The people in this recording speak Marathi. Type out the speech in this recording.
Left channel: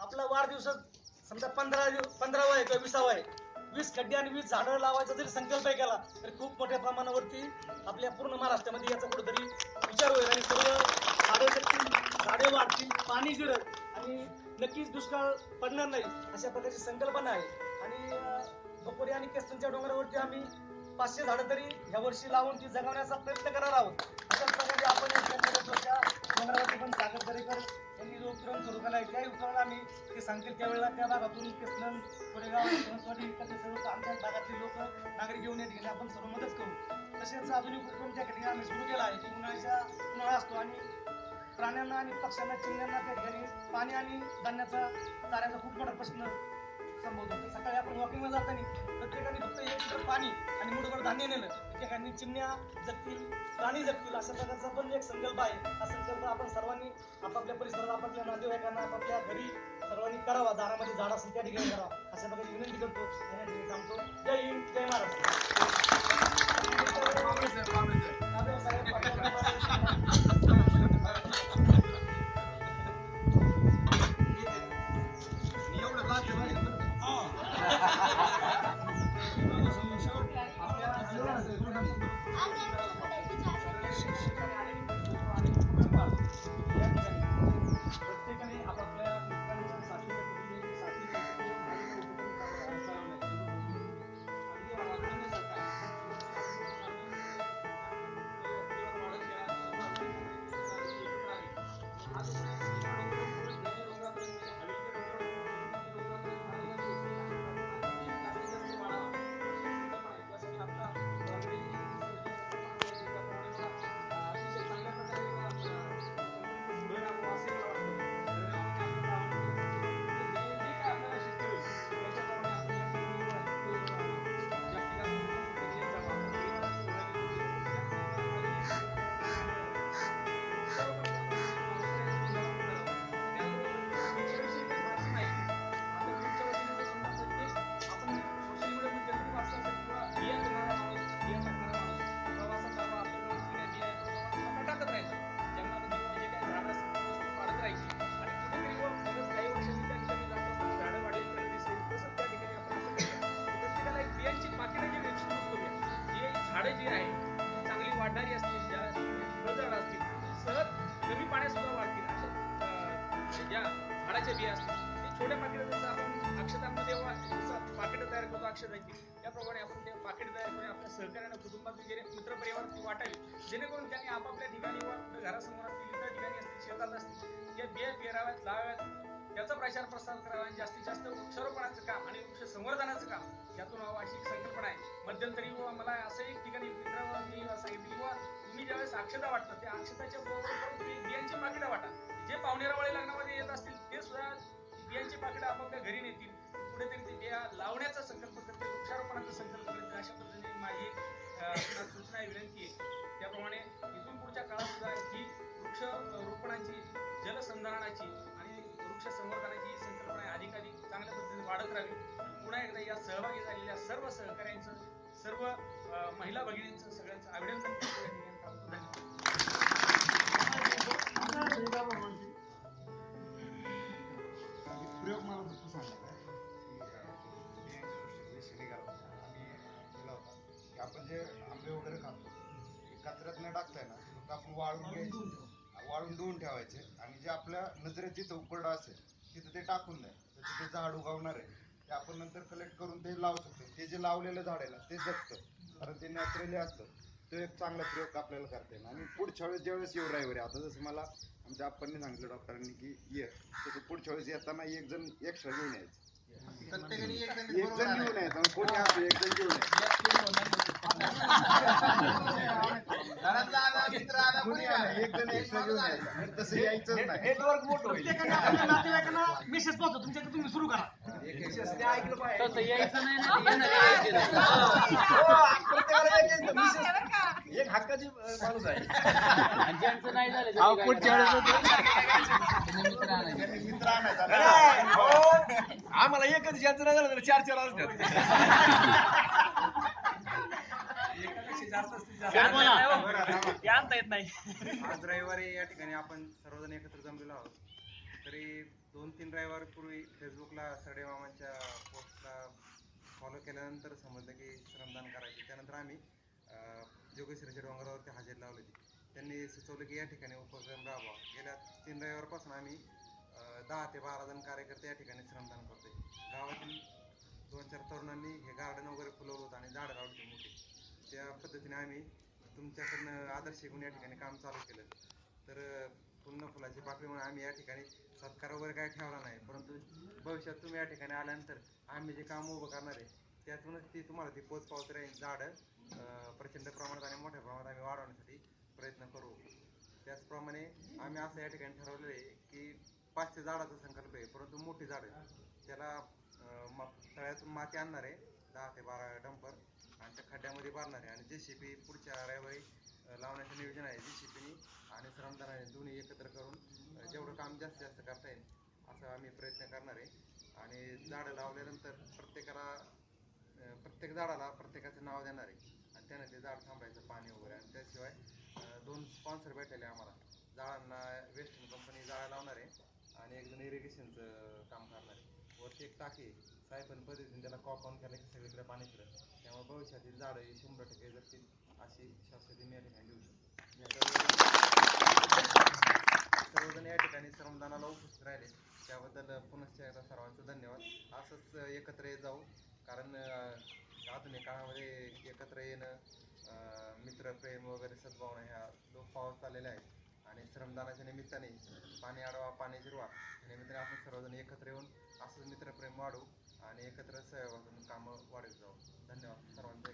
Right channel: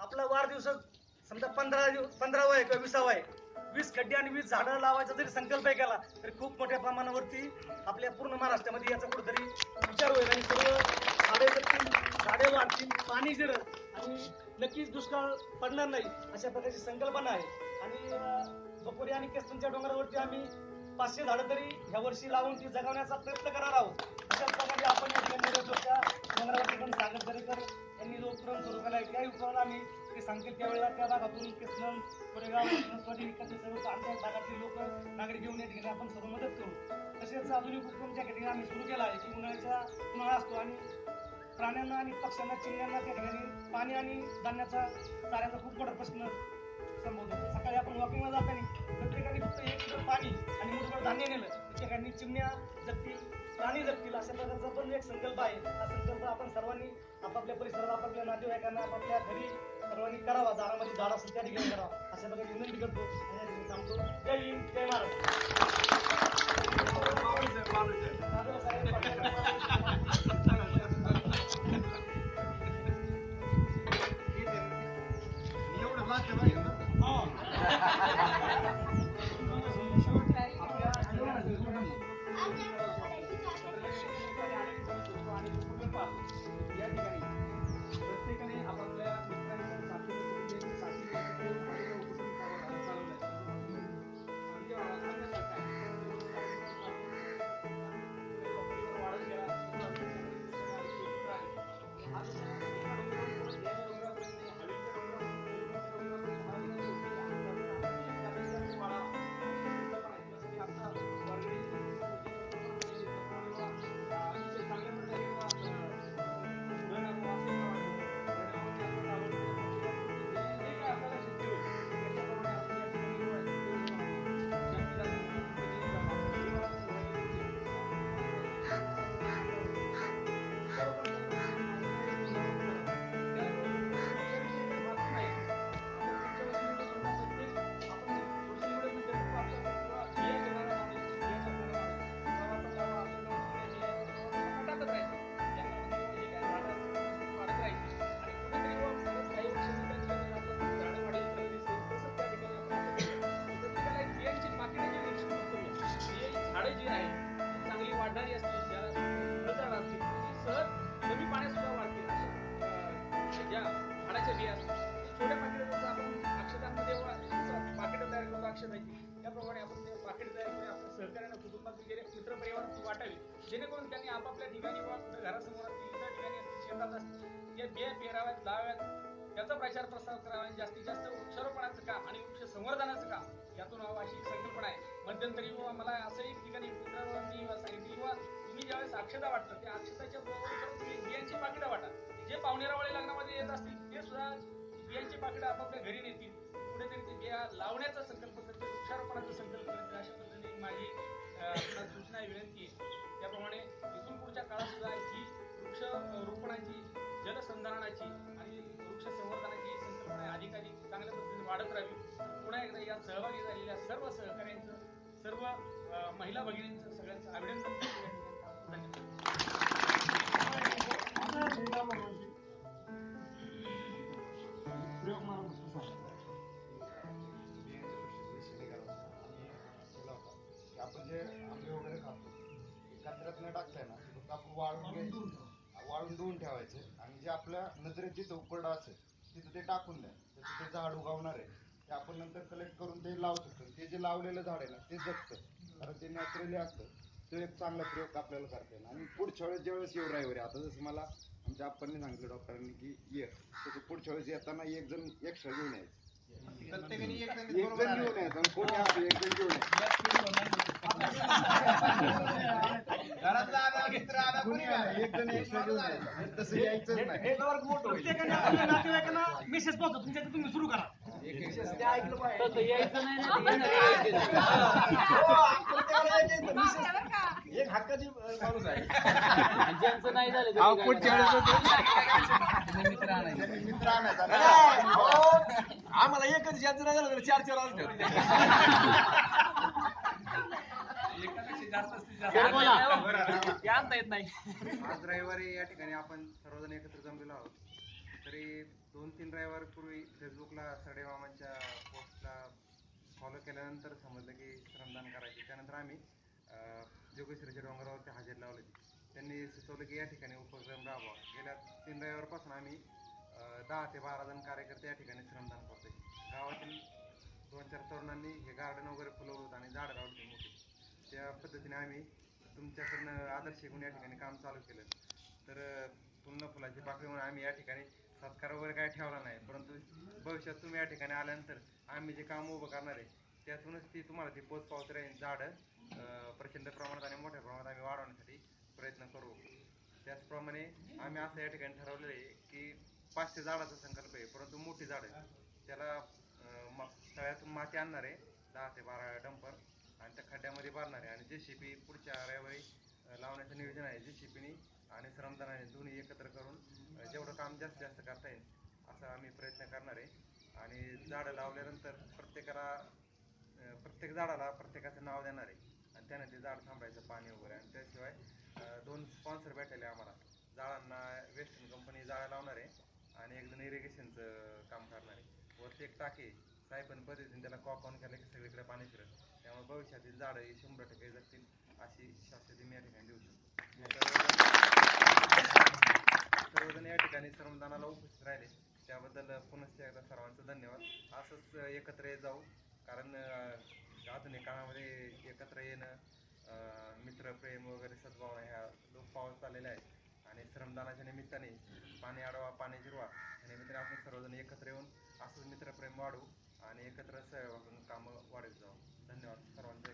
आपला वाढदिवस समजा पंधरा पंधरावा आहे किंवा विसावा आहे. वीस खड्डे आणि वीस झाडं लावायचा जरी संकल्प आहे केला तरी खूप मोठ्या प्रमाणावरती आपल्या पूर्ण महाराष्ट्रामध्ये याचा कुठेतरी विचार होईल आणि सर्व झाडे जगतील झाडे वाढतील पाणी जिरल आणि नक्कीच दुष्काळ पडणार नाही अशा प्रकारची संकल्पना आहे. आणि अं, आणि केसनच्या डोंगरावरती आम्ही पाचशे झाडं तरी ह्या वर्षी लावून ती जगवण्याचा प्रयत्न करणार आहोत. अशा प्रकारे आपण सांगतील त्यावेळेला त्या भागातून केसनम कोरेगाव नसवाडी सर्व आमच्या भागातले लोक नागरिक घेऊन या ठिकाणी आपण सर्व मदत करू. तसेच अजून एक उपक्रम त्या ठिकाणी आम्ही सुरू केला आहे. की उन्हाळ्याच्या उन्हाळा असतो आणि प्राण्यांना आणि पक्ष्यांना चिमण्यांना त्या ठिकाणी पाणी आणि धान्याचा चाऱ्याचा खूप मोठा प्रश्न संभवतो तर सकाळी आपण वॉकिंगला जाताना प्रत्येकाने फक्त एक लिटर पाणी आणि मुठभर धान्य नेलं. प्रत्येकाने चिमण्या जगतील प्राणी जगतील अशा प्रकारचा पण एक संकल्प आहे. हा संकल्प आपण सर्वांनी आपापल्या परिसरात आपापल्या नातेवाईकांना आपापल्या घरी सर्वांनी करावा. दारामध्ये झाड असेल त्या ठिकाणी करावा. अशा प्रकारे विनंती करतो आणि थांबतो. जय हिंद जय महाराष्ट्र. आहे झाडे जी आहे चांगली वाढणारी असतील फळझाड असतील सहज कमी पाण्यात सुद्धा वाढतील. अशा ज्या झाडाच्या बिया असतील. छोट्या पाकिटात जसं आपण अक्षतांमध्ये जसं पाकिटं तयार करतो अक्षतांची त्याप्रमाणे आपण ते पाकिट तयार करून आपल्या सहकार्यानं कुटुंबात वगैरे मित्रपरिवारात ती वाटावी. जेणेकरून त्यांनी आपापल्या ठिकाणी व घरासमोर असतील इतर ठिकाणी असतील शेतात असतील या बिया पेराव्यात लावाव्यात. त्याचा प्रचार प्रसार करावा आणि जास्तीत जास्त वृक्षारोपणाचं काम आणि वृक्ष संवर्धनाचं काम यातून व्हावं अशी एक संकल्पना आहे. मध्यंतरी व मला असं एक ठिकाणी मित्रांनी सांगितलं किंवा तुम्ही ज्यावेळेस अक्षता वाटतं त्या अक्षताच्या बरोबर तुम्ही बियांची पाकिटं वाटा. जे पाहुणेरावळे लग्नामध्ये येत असतील ते सुद्धा बियांची पाकिटं आपापल्या घरी नेतील. कुठेतरी ते बिया लावण्याचा संकल्प करते वृक्षारोपणाचा संकल्प करते अशा पद्धतीने माझी सूचना विनंती आहे. त्याप्रमाणे इथून पुढच्या काळात सुद्धा ही वृक्ष रोपणाची जलसंधारणाची वृक्ष संवर्धनाची ही संकल्पना अधिकाधिक चांगल्या पद्धतीने वाढत राहावी. पुन्हा एकदा या सहभागी झालेल्या सर्व सहकाऱ्यांचं सर्व महिला भगिनींचं सगळ्यांचं अभिनंदन करतो. धन्यवाद. प्रयोग मला नुसतं सांगितलं आपण जे आंबे वगैरे खातो ते कचऱ्यात न टाकताय ना आपण वाळून घ्यायचं वाळून धुवून ठेवायचे आणि जे आपल्या नजरेत जिथं उकरडा असेल तिथं ते टाकून द्या. ते झाड उगवणार आहे. ते आपण नंतर कलेक्ट करून ते लावू शकतो. ते जे लावलेलं झाड आहे ना ते जगतं. कारण ते नॅचरली असतं. तो एक चांगला प्रयोग आपल्याला करता येईल. आणि पुढच्या वेळेस ज्यावेळेस येऊ रविवारी आता जसं मला आमच्या आप्पांनी सांगितलं डॉक्टरांनी की ये. तसं पुढच्या वेळेस येताना एक जण एक्स्ट्रा घेऊन यायचं. एक जण घेऊन यायचं. आणि कोणी असो एक जण घेऊन. यायचं. एक जण एक्स्ट्रा घेऊन यायचं. तसं यायचंच नाही. नेटवर्क मोठं होईल. प्रत्येकाने आपल्या नातेवाईकांना मेसेज पोहोचतो तुमच्या इथं तुम्ही सुरू करा. एक हक्काची माणूस आहे. मित्र आणायचा. ना. आम्हाला एकच ज्यांचं नाही झालं तर चार चार असतात आणता येत नाही आज रविवारी या ठिकाणी आपण सर्वजण एकत्र जमलेलो आहोत. तरी दोन तीन रविवारपूर्वी फेसबुकला सरडे मामांच्या पोस्टला फॉलो केल्यानंतर समजलं की श्रमदान करायचे. त्यानंतर आम्ही अं, जोगेश्वरीच्या डोंगरावरती हजेरी लावली होती. त्यांनी सुचवलं की या ठिकाणी उपक्रम राबवा. गेल्या तीन रविवारपासून आम्ही दहा ते बारा जण कार्यकर्ते या ठिकाणी श्रमदान करतोय. गावातील दोन चार तरुणांनी हे गार्डन वगैरे फुलवलं होतं आणि झाडं लावली होती मोठी. त्या पद्धतीने आम्ही तुमच्याकडनं आदर्श घेऊन या ठिकाणी काम चालू केलं. तर पूर्ण फुलाची पाकळी म्हणून आम्ही या ठिकाणी सत्कार वगैरे काय ठेवला नाही. परंतु भविष्यात तुम्ही या ठिकाणी आल्यानंतर आम्ही जे काम उभं करणार आहे त्यातूनच ती तुम्हाला ती पोच पावत राहील. झाडं प्रचंड प्रमाणात आणि मोठ्या प्रमाणात आम्ही वाढवण्यासाठी प्रयत्न करू. त्याचप्रमाणे आम्ही असं या ठिकाणी ठरवलेलं आहे की पाचशे झाडाचा संकल्प आहे परंतु मोठी झाडं. त्याला मा- तळ्यातून माती आणणार आहे दहा ते बारा डंपर. आणि त्या खड्ड्यामध्ये बांधणार आहे. आणि जे शिपी पुढच्या रविवारी लावण्याचं नियोजन आहे. जे शिपीनी आणि श्रमदानाने दोन्ही एकत्र करून जेवढं काम जास्तीत जास्त करता येईल असं आम्ही प्रयत्न करणार आहे. आणि झाडं लावल्यानंतर प्रत्येकाला प्रत्येक झाडाला प्रत्येकाचं नाव देणार आहे. आणि त्यानं ते झाड थांबायचं पाणी वगैरे. आणि त्याशिवाय दोन स्पॉन्सर भेटलेले आम्हाला. झाडांना वेस्टर्न कंपनी जाळ्या लावणार आहे. आणि एक जण इरिगेशनचं काम करणार आहे. वरती एक टाकी आहे. सायपन पद्धतीने त्याला कॉक ऑन केलं की सगळीकडे पाणी फिरत. त्यामुळे भविष्यातील झाडं ही शंभर टक्के जगतील अशी शाश्वती मी या ठिकाणी देऊ शकतो. सर्वजण या ठिकाणी श्रमदानाला उपस्थित राहिले. त्याबद्दल पुनश्च एकदा सर्वांचं धन्यवाद. असंच एकत्र येत जाऊ. कारण आधुनिक काळामध्ये एकत्र येणं अं, मित्रप्रेम वगैरे सद्भावना ह्या लोप पावत चाललेल्या आहेत. आणि श्रमदानाच्या निमित्ताने पाणी अडवा पाणी जिरवा. या निमित्ताने आपण सर्वजण एकत्र येऊन असंच मित्रप्रेम वाढू आणि एकत्र सहभागातून कामं वाढत जाऊ. धन्यवाद. सर्वांचे